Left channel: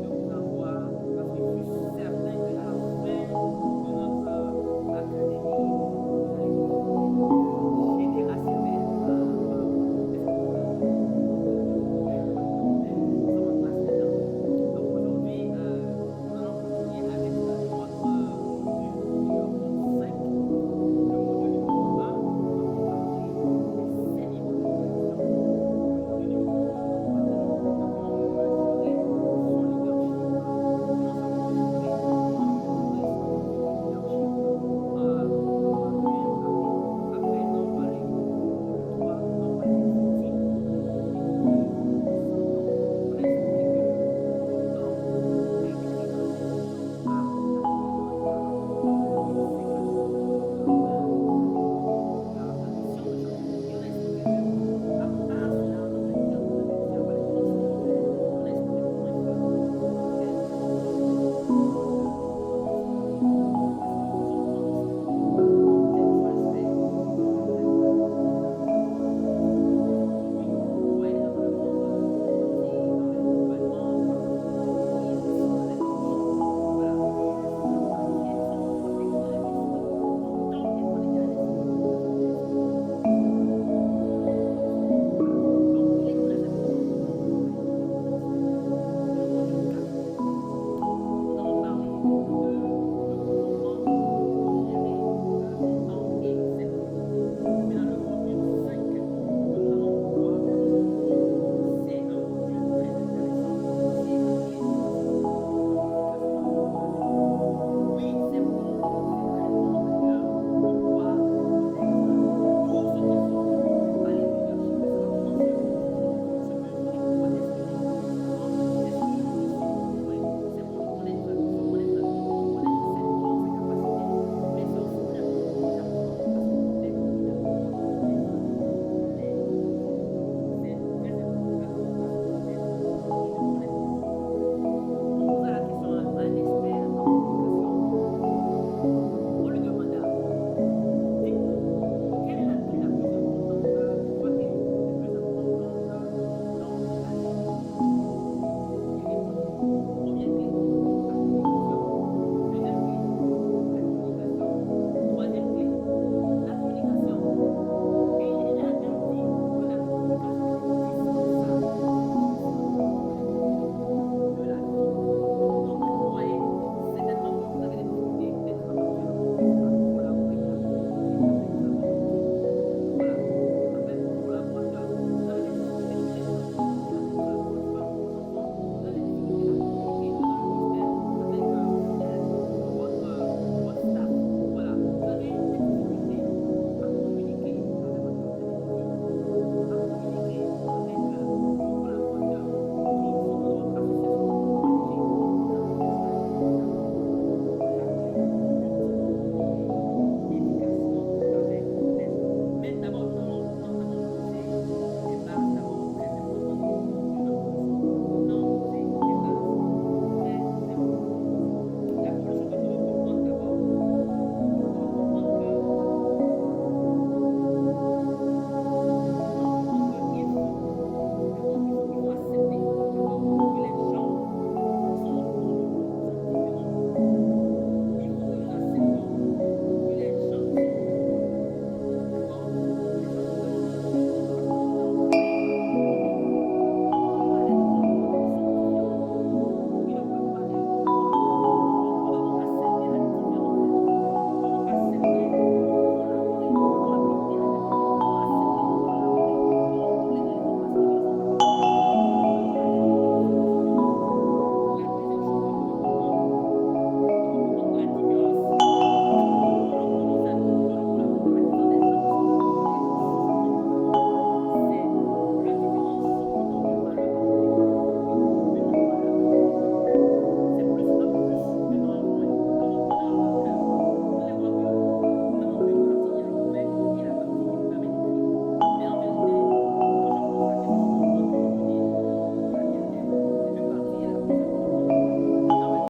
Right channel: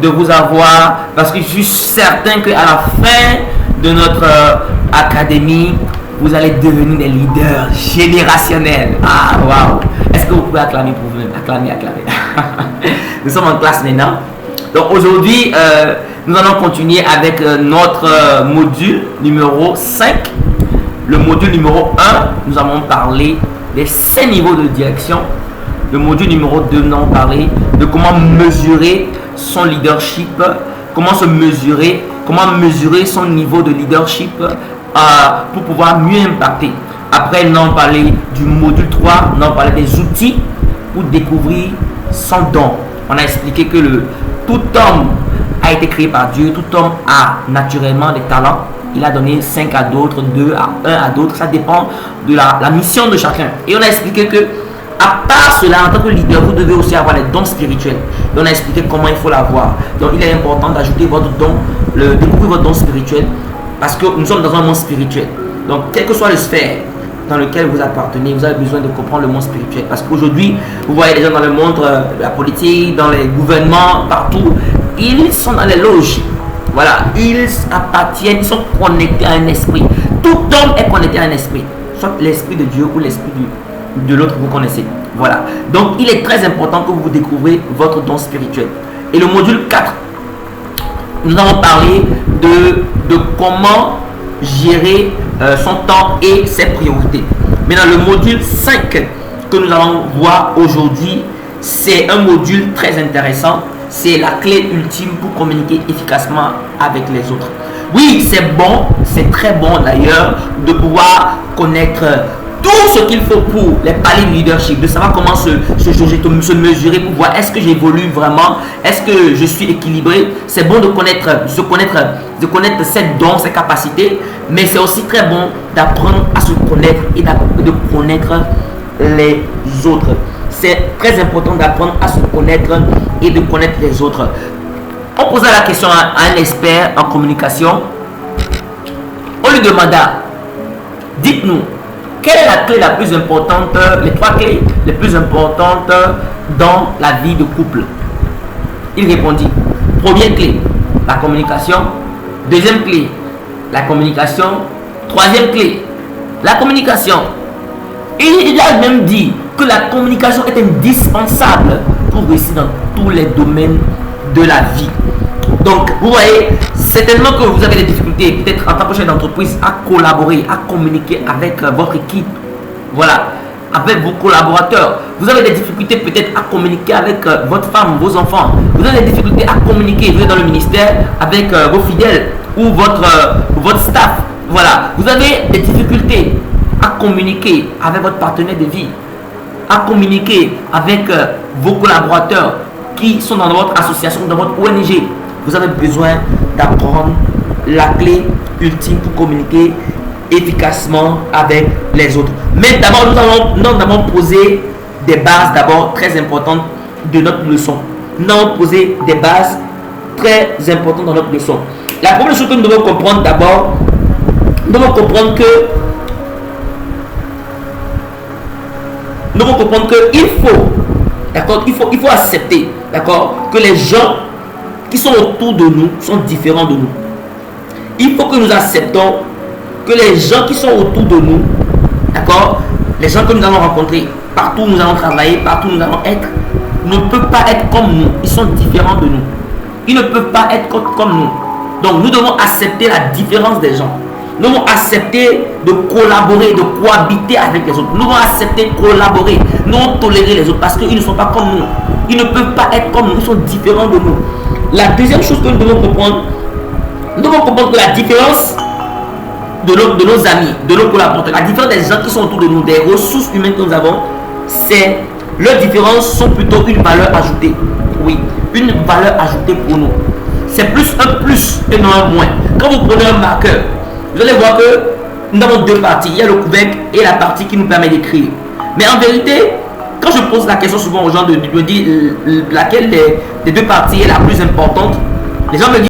de vous avoir parce que je suis certain qu'à la fin de notre académie, vous allez devenir des leaders générationnels. Ah, waouh! Est-ce que vous pouvez acclamer pour vous-même? Acclamer. Nous sommes en classe maintenant. Donc aujourd'hui, nous allons continuer avec notre module numéro 5. Le module numéro 1, nous allons parler des 5 niveaux de direction. Le module numéro 2, nous allons parler de comment mesurer son leadership, comment mesurer son niveau de leadership pour pouvoir mieux impacter. Après, nous allons parler du module 3, nous allons parler des outils pour découvrir son don. On a expliqué que tout homme a été créé par Dieu, tout homme a naturellement des talents. Il a donné 5 à d'autres, 2 à 1 à d'autres, ça dépend de la mission de chacun. Et on a expliqué que, à part cela, en tant que leader, vous devez aussi avoir les dons spirituels. Et on a expliqué comment il faut l'avoir. Donc il est important d'ajouter votre don, découvrir votre don spirituel, parce que nous sommes dans un monde spirituel. Donc quelle que soit la sphère dans lequel vous appartenez, vous avez besoin de comprendre le monde spirituel. Parce qu'aujourd'hui, vous voyez les gens dans le monde, la politique, dans les gouvernements, partout, ils sont dans les loges. Voilà, ils appartiennent, ils sont connectés à un esprit. Tout homme est connecté à un esprit. Soit l'esprit de Dieu ou l'esprit de l'autre que vous connaissez. Voilà. Donc, il est très important que vous découvrez votre don spirituel. Et le module 4, nous allons parler de comment gérer son temps et ses priorités. Maintenant, le module 5 que nous allons voir aujourd'hui, c'est un module très intéressant. C'est la clé ultime pour communiquer efficacement avec les autres. Oui, c'est bon, c'est très bon d'ailleurs de pouvoir connaître tout ce qu'il faut pour les paliers de leadership, de savoir comment se mesurer pour voir est-ce que j'évolue vraiment, est-ce que je suis équilibré. C'est bon de connaître ses dons, ses capacités, mais c'est aussi très bon d'apprendre à se connaître et de connaître les autres. C'est très important d'apprendre à se connaître et de connaître les autres. On posa la question à un expert en communication. On lui demanda, dites-nous, quelle est la clé la plus importante, les 3 clés les plus importantes dans la vie de couple? Il répondit, première clé, la communication. Deuxième clé, la communication. Troisième clé, la communication. Et il a même dit que la communication est indispensable pour réussir dans tous les domaines de la vie. Donc, vous voyez, certainement que vous avez des difficultés, peut-être en tant que chef d'entreprise, à collaborer, à communiquer avec votre équipe. Voilà, avec vos collaborateurs. Vous avez des difficultés peut-être à communiquer avec votre femme, vos enfants. Vous avez des difficultés à communiquer, vous êtes dans le ministère, avec vos fidèles ou votre staff. Voilà, vous avez des difficultés à communiquer avec votre partenaire de vie, à communiquer avec vos collaborateurs qui sont dans votre association, dans votre ONG. Vous avez besoin d'apprendre la clé ultime pour communiquer efficacement avec les autres. Mais d'abord, nous allons poser des bases d'abord très importantes de notre leçon. Nous allons poser des bases très importantes dans notre leçon. La première chose que nous devons comprendre d'abord, nous devons comprendre que il faut, d'accord, il faut accepter, d'accord, que les gens qui sont autour de nous sont différents de nous. Il faut que nous acceptons que les gens qui sont autour de nous, d'accord, les gens que nous allons rencontrer, partout où nous allons travailler, partout où nous allons être, ne peuvent pas être comme nous. Ils sont différents de nous. Ils ne peuvent pas être comme nous. Donc nous devons accepter la différence des gens. Nous devons accepter de collaborer, de cohabiter avec les autres. Nous devons accepter de collaborer, non tolérer les autres parce qu'ils ne sont pas comme nous. Ils ne peuvent pas être comme nous, ils sont différents de nous. La deuxième chose que nous devons comprendre que la différence de nos amis, de nos collaborateurs, la différence des gens qui sont autour de nous, des ressources humaines que nous avons, c'est leurs différences sont plutôt une valeur ajoutée. Oui, une valeur ajoutée pour nous. C'est plus un plus et non un moins. Quand vous prenez un marqueur, vous allez voir que nous avons 2 parties. Il y a le couvercle et la partie qui nous permet d'écrire. Mais en vérité, quand je pose la question souvent aux gens de me dire laquelle des 2 parties est la plus importante, les gens me disent